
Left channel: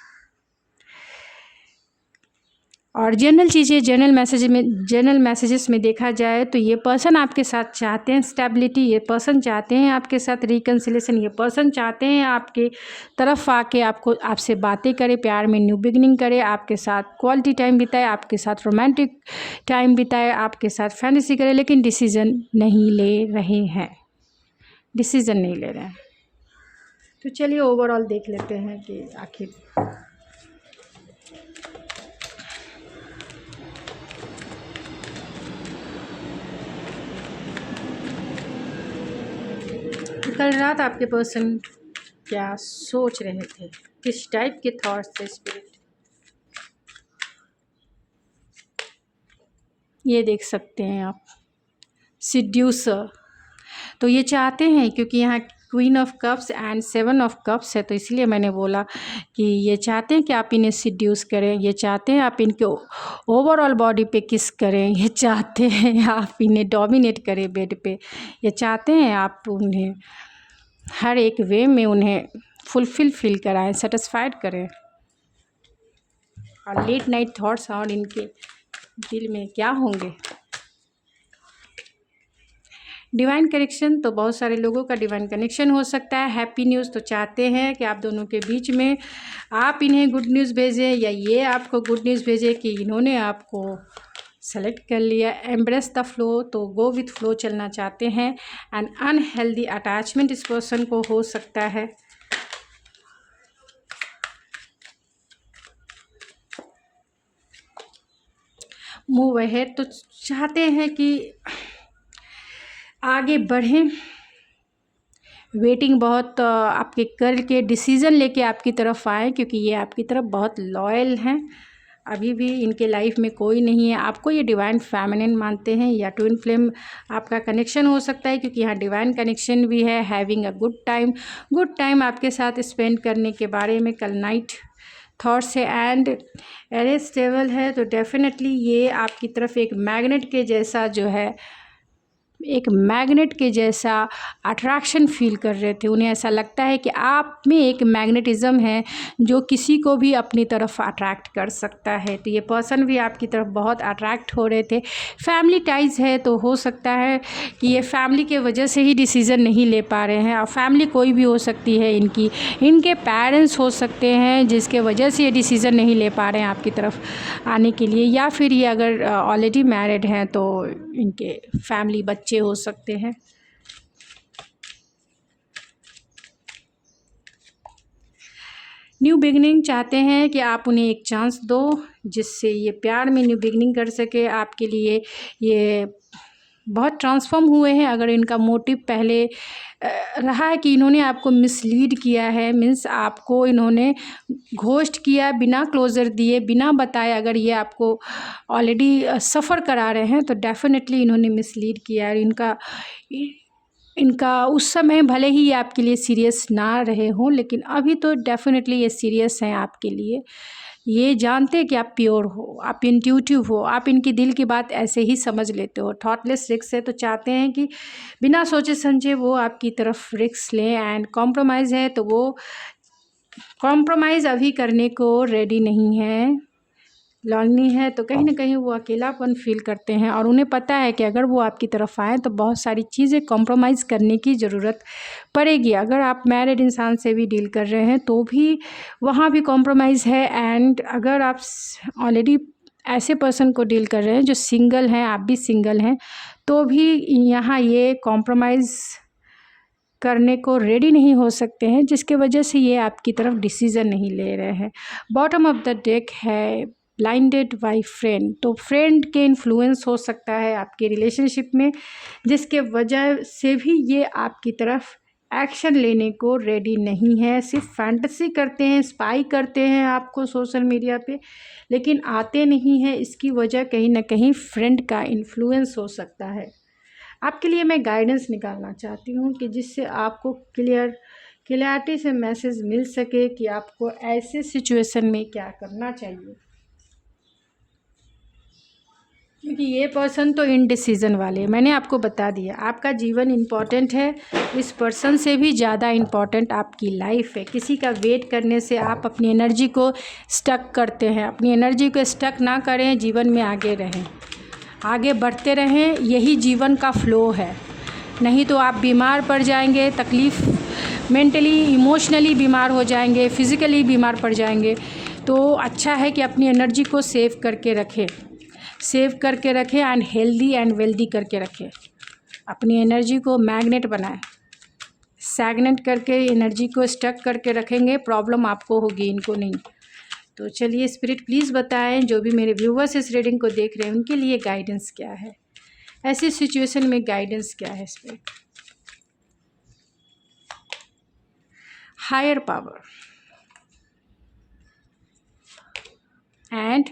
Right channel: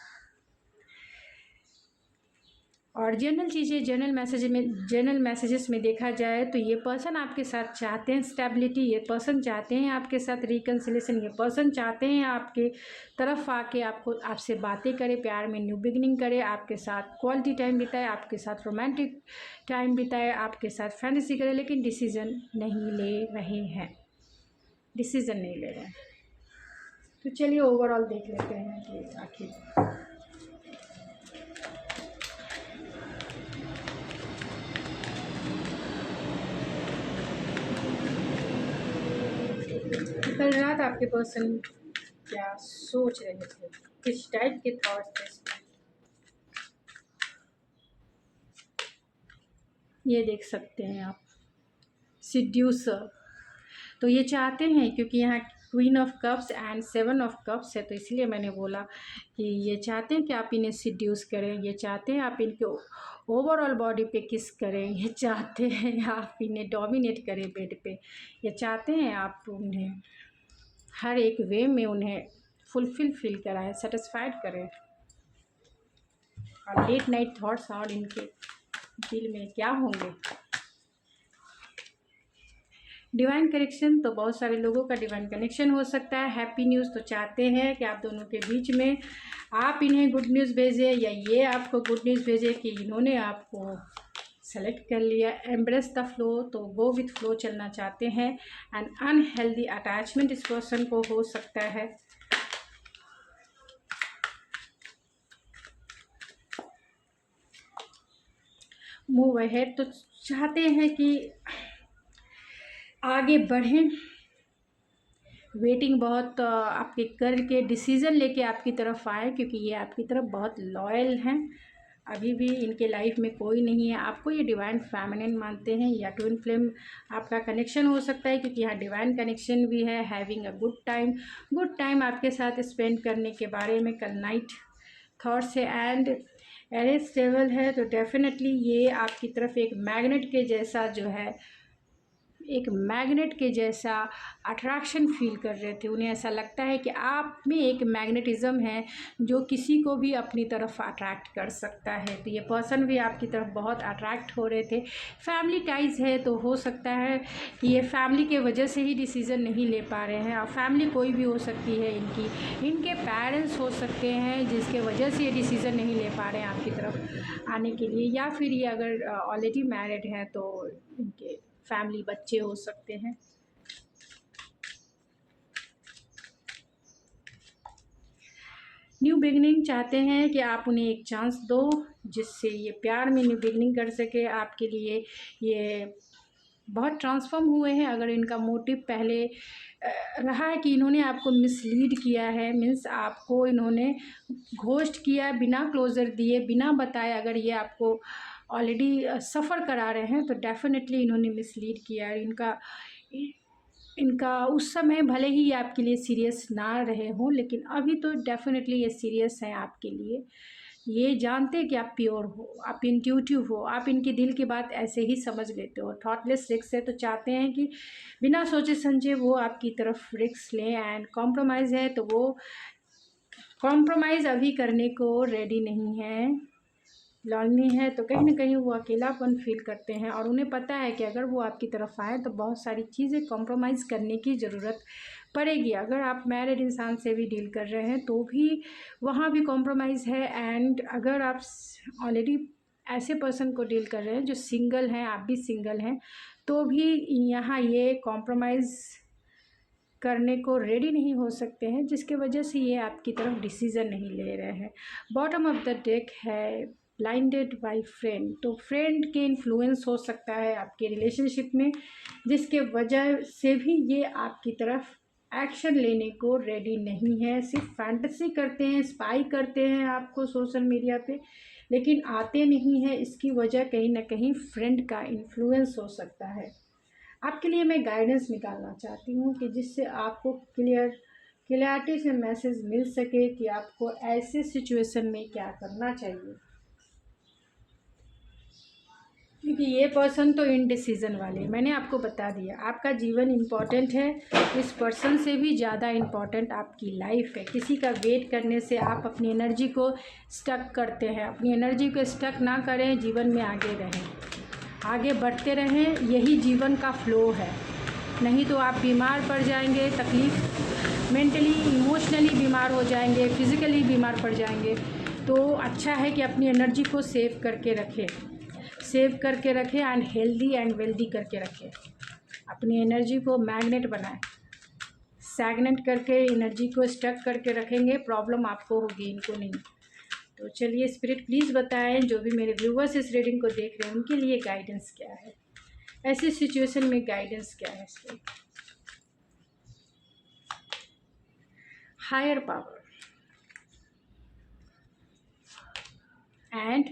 और जनरल मैसेजेस में देखा जाए तो ये पर्सन आपके साथ चाहते हैं स्टेबिलिटी, ये पर्सन चाहते हैं आपके साथ रिकन्सिलेशन, ये पर्सन चाहते हैं आपके तरफ आके आपसे बातें करे, प्यार में न्यू बिगनिंग करे, आपके साथ क्वालिटी टाइम बिताए, आपके साथ रोमांटिक टाइम बिताए, आपके साथ फैंटेसी करे, लेकिन डिसीज़न नहीं ले रहे हैं, डिसीज़न नहीं ले रहे हैं। तो चलिए ओवरऑल देख लेते हैं कि आखिर कल रात आपके पर्सन क्या सोच रहे थे, किस टाइप के थॉट्स थे स्पिरिट, ये देख सकते हैं आप। सिड्यूसर, तो ये चाहते हैं, क्योंकि यहाँ queen of cups and 7 of cups है, तो इसलिए मैंने बोला कि ये चाहते हैं कि आप इन्हें सिड्यूस करें, ये चाहते हैं आप इनके ओवरऑल बॉडी पे किस करें, ये चाहते हैं आप इन्हें डोमिनेट करें बेड पे, ये चाहते हैं आप उन्हें हर एक वे में उन्हें फुलफिल फील कराएं, सेटिस्फाइड करें। और लेट नाइट थॉट्स और इनके दिल में क्या होंगे। डिवाइन कनेक्शन, तो बहुत सारे लोगों का डिवाइन कनेक्शन हो सकता है। हैप्पी न्यूज़, तो चाहते हैं कि आप दोनों के बीच में आप इन्हें गुड न्यूज़ भेजें या ये आपको गुड न्यूज़ भेजें कि इन्होंने आपको सेलेक्ट कर लिया। एम्ब्रेस द फ्लो, तो गो विथ फ्लो चलना चाहते हैं। एंड अनहेल्दी अटैचमेंट इस पर्सन को हो सकता है। मूव अहेड, तो चाहते हैं कि आगे बढ़ें, वेटिंग बहुत आपके करके डिसीज़न लेके आपकी तरफ आए, क्योंकि ये आपकी तरफ बहुत लॉयल हैं। अभी भी इनके लाइफ में कोई नहीं है, आपको ये डिवाइन फेमिनिन मानते हैं, या ट्विन फ्लेम आपका कनेक्शन हो सकता है, क्योंकि यहाँ डिवाइन कनेक्शन भी है। हैविंग अ गुड टाइम आपके साथ स्पेंड करने के बारे में कल नाइट थॉट्स है। एंड एरे स्टेबल है, तो डेफिनेटली ये आपकी तरफ एक मैग्नेट के जैसा जो है, एक मैग्नेट के जैसा अट्रैक्शन फील कर रहे थे। उन्हें ऐसा लगता है कि आप में एक मैग्नेटिज़्म है जो किसी को भी अपनी तरफ अट्रैक्ट कर सकता है। तो ये पर्सन भी आपकी तरफ बहुत अट्रैक्ट हो रहे थे। फैमिली टाइज है, तो हो सकता है कि ये फैमिली के वजह से ही डिसीज़न नहीं ले पा रहे हैं। और फैमिली कोई भी हो सकती है, इनके पेरेंट्स हो सकते हैं जिसके वजह से ये डिसीज़न नहीं ले पा रहे हैं आपकी तरफ आने के लिए। या फिर ये अगर ऑलरेडी मैरिड हैं तो इनके फैमिली बच्चे हो सकते हैं। न्यू बिगनिंग चाहते हैं कि आप उन्हें एक चांस दो, जिससे ये प्यार में न्यू बिगनिंग कर सके। आपके लिए ये बहुत ट्रांसफॉर्म हुए हैं। अगर इनका मोटिव पहले रहा है कि इन्होंने आपको मिसलीड किया है, मीन्स आपको इन्होंने घोस्ट किया, बिना क्लोज़र दिए, बिना बताए, अगर ये आपको ऑलरेडी सफ़र करा रहे हैं, तो डेफिनेटली इन्होंने मिसलीड किया है। इनका उस समय भले ही ये आपके लिए सीरियस ना रहे हों, लेकिन अभी तो डेफिनेटली ये सीरियस हैं आपके लिए। ये जानते हैं कि आप प्योर हो, आप इंट्यूटिव हो, आप इनकी दिल की बात ऐसे ही समझ लेते हो। थॉटलेस रिस्क है, तो चाहते हैं कि बिना सोचे समझे वो आपकी तरफ रिस्क लें। एंड कॉम्प्रोमाइज़ है, तो वो कॉम्प्रोमाइज़ अभी करने को रेडी नहीं है। लॉन्ली है, तो कहीं ना कहीं वो अकेलापन फील करते हैं, और उन्हें पता है कि अगर वो आपकी तरफ आए तो बहुत सारी चीज़ें कॉम्प्रोमाइज़ करने की ज़रूरत पड़ेगी। अगर आप मैरिड इंसान से भी डील कर रहे हैं तो भी वहाँ भी कॉम्प्रोमाइज़ है। एंड अगर आप ऑलरेडी ऐसे पर्सन को डील कर रहे हैं जो सिंगल हैं, आप भी सिंगल हैं, तो भी यहाँ ये कॉम्प्रोमाइज़ करने को रेडी नहीं हो सकते हैं, जिसके वजह से ये आपकी तरफ डिसीज़न नहीं ले रहे हैं। बॉटम ऑफ द डेक है ब्लाइंडेड बाय फ्रेंड, तो फ्रेंड के इन्फ्लुएंस हो सकता है आपके रिलेशनशिप में, जिसके वजह से भी ये आपकी तरफ एक्शन लेने को रेडी नहीं है। सिर्फ फैंटेसी करते हैं, स्पाई करते हैं आपको सोशल मीडिया पे, लेकिन आते नहीं हैं। इसकी वजह कहीं ना कहीं फ्रेंड का इन्फ्लुएंस हो सकता है। आपके लिए मैं गाइडेंस निकालना चाहती हूँ कि जिससे आपको क्लियरिटी से मैसेज मिल सके कि आपको ऐसे सिचुएशन में क्या करना चाहिए। क्योंकि ये पर्सन तो इनडिसीजन वाले, मैंने आपको बता दिया आपका जीवन इम्पॉर्टेंट है, इस पर्सन से भी ज़्यादा इम्पॉर्टेंट आपकी लाइफ है। किसी का वेट करने से आप अपनी एनर्जी को स्टक करते हैं। अपनी एनर्जी को स्टक ना करें, जीवन में आगे रहें, आगे बढ़ते रहें, यही जीवन का फ्लो है। नहीं तो आप बीमार पड़ जाएंगे, तकलीफ़, मेंटली इमोशनली बीमार हो जाएंगे, फिज़िकली बीमार पड़ जाएंगे। तो अच्छा है कि अपनी एनर्जी को सेव करके रखें, एंड हेल्दी एंड वेल्दी करके रखें। अपनी एनर्जी को मैग्नेट बनाएं, स्टैग्नेट करके एनर्जी को स्टक करके रखेंगे, प्रॉब्लम आपको होगी, इनको नहीं। तो चलिए स्पिरिट प्लीज़ बताएं, जो भी मेरे व्यूवर्स इस रीडिंग को देख रहे हैं उनके लिए गाइडेंस क्या है, ऐसी सिचुएशन में गाइडेंस क्या है spirit. Higher power and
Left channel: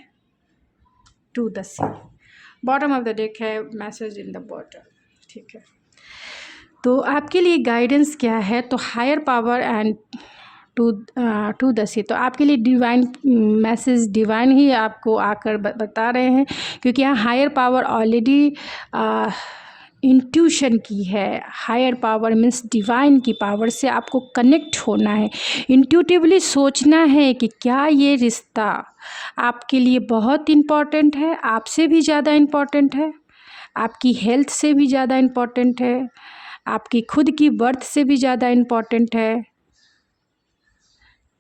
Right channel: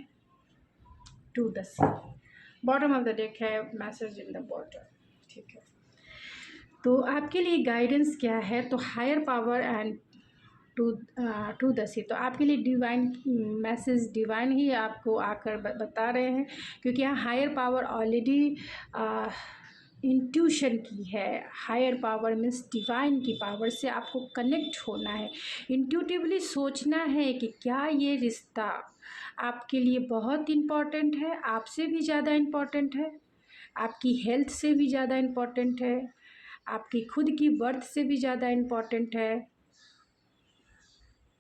to the sea, bottom of the deck है, मैसेज इन द बॉटम, ठीक है। तो आपके लिए गाइडेंस क्या है, तो higher power and to the sea, तो आपके लिए डिवाइन मैसेज, डिवाइन ही आपको आकर बता रहे हैं, क्योंकि यहाँ हायर पावर ऑलरेडी इंट्यूशन की है। हायर पावर मीन्स डिवाइन की पावर से आपको कनेक्ट होना है, इंट्यूटिवली सोचना है कि क्या ये रिश्ता आपके लिए बहुत इम्पॉर्टेंट है, आपसे भी ज़्यादा इम्पॉर्टेंट है, आपकी हेल्थ से भी ज़्यादा इम्पॉर्टेंट है, आपकी खुद की बर्थ से भी ज़्यादा इम्पॉर्टेंट है।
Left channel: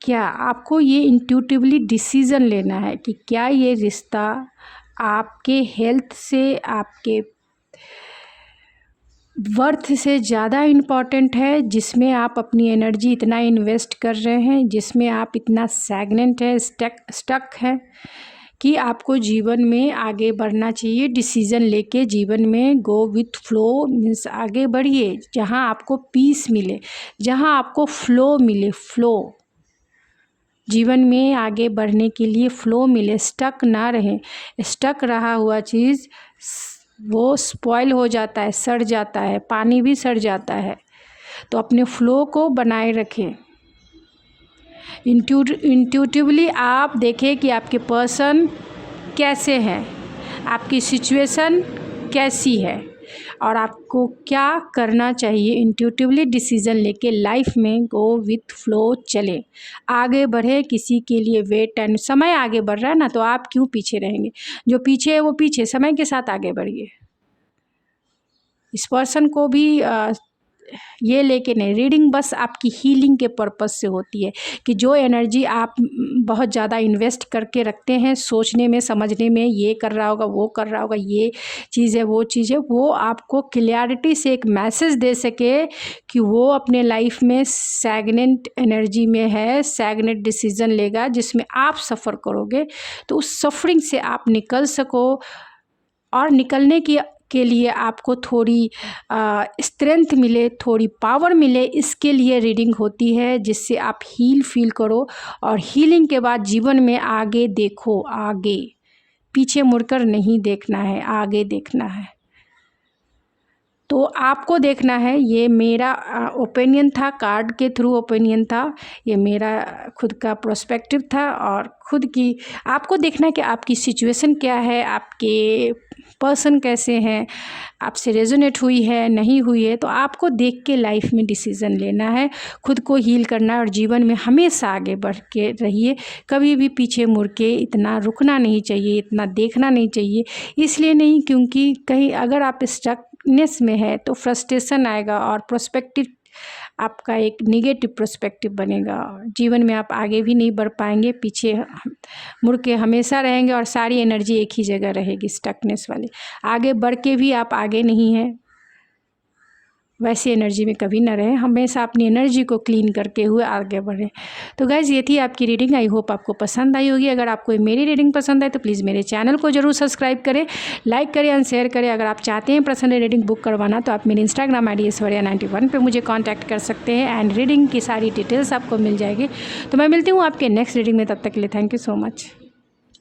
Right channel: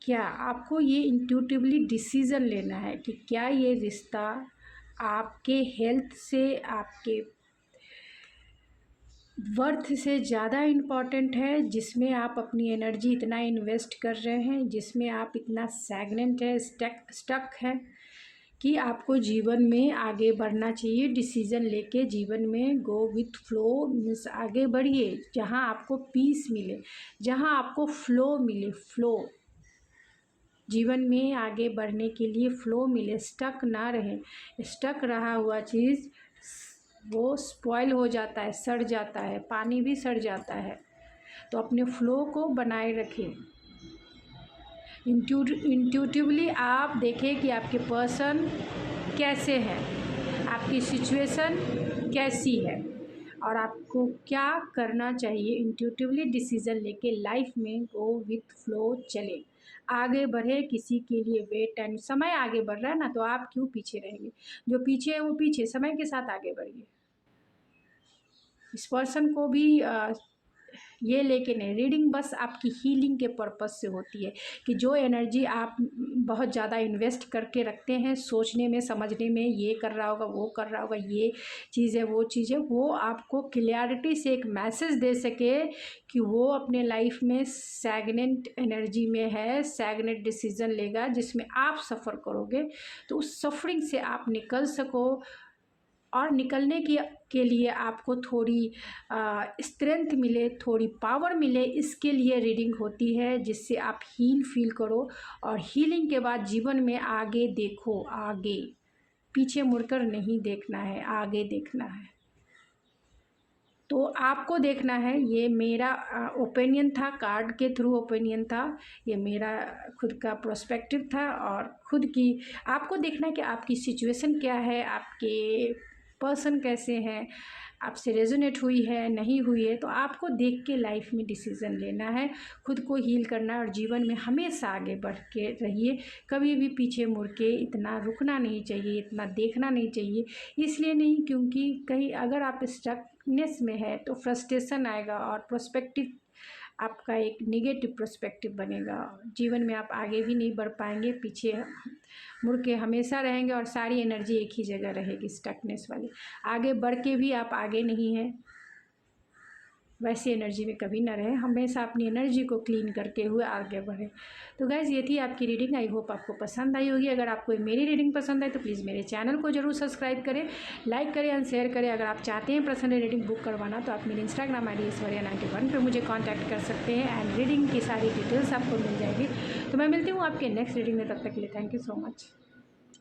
क्या आपको ये इंट्यूटिवली डिसीज़न लेना है कि क्या ये रिश्ता आपके हेल्थ से, आपके वर्थ से ज़्यादा इम्पॉर्टेंट है, जिसमें आप अपनी एनर्जी इतना इन्वेस्ट कर रहे हैं, जिसमें आप इतना स्टैग्नेंट है, स्टक है, कि आपको जीवन में आगे बढ़ना चाहिए। डिसीज़न लेके जीवन में गो विथ फ्लो, मीन्स आगे बढ़िए, जहाँ आपको पीस मिले, जहाँ आपको फ्लो मिले, फ्लो, जीवन में आगे बढ़ने के लिए फ्लो मिले, स्टक ना रहें। स्टक रहा हुआ चीज़ वो स्पॉइल हो जाता है, सड़ जाता है, पानी भी सड़ जाता है। तो अपने फ्लो को बनाए रखें। इंट्यूटिवली आप देखें कि आपके पर्सन कैसे हैं, आपकी सिचुएशन कैसी है और आपको क्या करना चाहिए। इंट्यूटिवली डिसीज़न लेके लाइफ में गो विथ फ्लो चले, आगे बढ़े। किसी के लिए वेट एंड, समय आगे बढ़ रहा है ना, तो आप क्यों पीछे रहेंगे। जो पीछे है वो पीछे, समय के साथ आगे बढ़िए। इस पर्सन को भी ये लेके नहीं, रीडिंग बस आपकी हीलिंग के पर्पज़ से होती है, कि जो एनर्जी आप बहुत ज़्यादा इन्वेस्ट करके रखते हैं सोचने में, समझने में, ये कर रहा होगा, वो कर रहा होगा, ये चीज़ है, वो चीज़ है, वो आपको क्लियरिटी से एक मैसेज दे सके कि वो अपने लाइफ में स्टैग्नेंट एनर्जी में है, स्टैग्नेंट डिसीज़न लेगा, जिसमें आप सफ़र करोगे। तो उस सफरिंग से आप निकल सको, और निकलने के लिए आपको थोड़ी स्ट्रेंथ मिले, थोड़ी पावर मिले, इसके लिए रीडिंग होती है, जिससे आप हील फील करो। और हीलिंग के बाद जीवन में आगे देखो, आगे, पीछे मुड़कर नहीं देखना है, आगे देखना है। तो आपको देखना है, ये मेरा ओपिनियन था, कार्ड के थ्रू ओपिनियन था, ये मेरा खुद का प्रोस्पेक्टिव था, और खुद की आपको देखना है कि आपकी सिचुएशन क्या है, आपके पर्सन कैसे हैं, आपसे रेजोनेट हुई है, नहीं हुई है। तो आपको देख के लाइफ में डिसीज़न लेना है, खुद को हील करना है, और जीवन में हमेशा आगे बढ़ के रहिए। कभी भी पीछे मुड़ के इतना रुकना नहीं चाहिए, इतना देखना नहीं चाहिए। इसलिए नहीं, क्योंकि कहीं अगर आप स्टकनेस में है तो फ्रस्ट्रेशन आएगा, और प्रोस्पेक्टिव आपका एक निगेटिव पर्सपेक्टिव बनेगा। जीवन में आप आगे भी नहीं बढ़ पाएंगे, पीछे मुड़ के हमेशा रहेंगे, और सारी एनर्जी एक ही जगह रहेगी, स्टकनेस वाली। आगे बढ़ के भी आप आगे नहीं हैं, वैसी एनर्जी में कभी ना रहें। हमेशा अपनी एनर्जी को क्लीन करके हुए आगे बढ़ें। तो गाइज़, ये थी आपकी रीडिंग। आई होप आपको पसंद आई होगी। अगर आपको मेरी रीडिंग पसंद आए तो प्लीज़ मेरे चैनल को जरूर सब्सक्राइब करें, लाइक करें एंड शेयर करें। अगर आप चाहते हैं पर्सनल रीडिंग बुक करवाना तो आप मेरी इंस्टाग्राम ID ऐश्वर्या91 पर मुझे कॉन्टैक्ट कर सकते हैं, एंड रीडिंग की सारी डिटेल्स आपको मिल जाएगी। तो मैं मिलती हूँ आपके नेक्स्ट रीडिंग में, तब तक के लिए थैंक यू सो मच।